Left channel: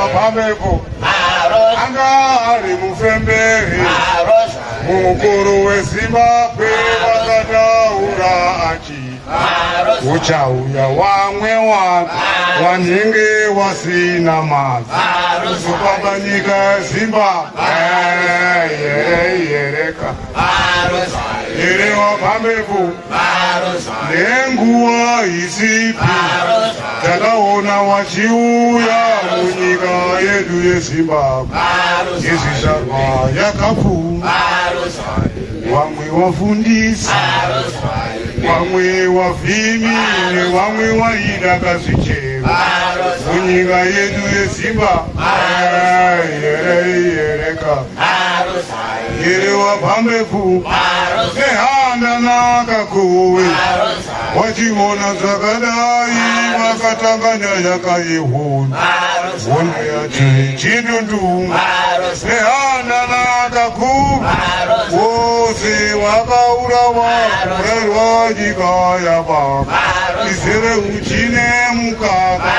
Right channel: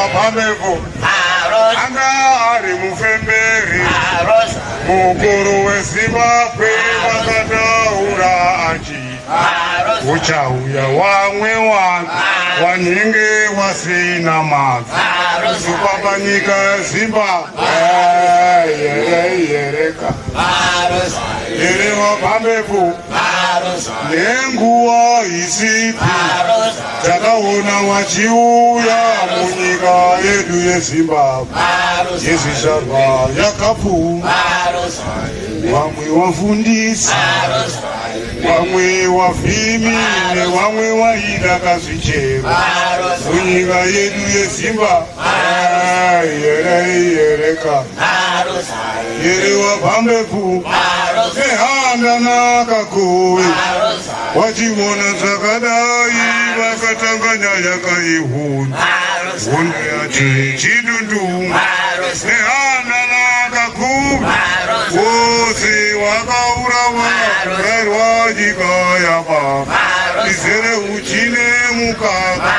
wapambepo angari mufemberi mukuru weZimbabwe vakataura achi uchauya wamwe wanenge wasina mavi kupamba nyika yeZimbabwe yereka ere wapambepo nenguva isipi takaona wachiuya munyika yedu yeZimbabwe yezvizvarwa yakapfuma wamwe wafundisi wamwe wavhimi nevamwe waida kazvichero munyika yedu yeZimbabwe yereka yere wapambepo nehanda nakakowe wachiona zvakadai vakatanganya yakaihuna hondo yati chidundu nehanda nakakowe wose wakaurawa kuraiwa nyika yaBaba izere uchine mukaka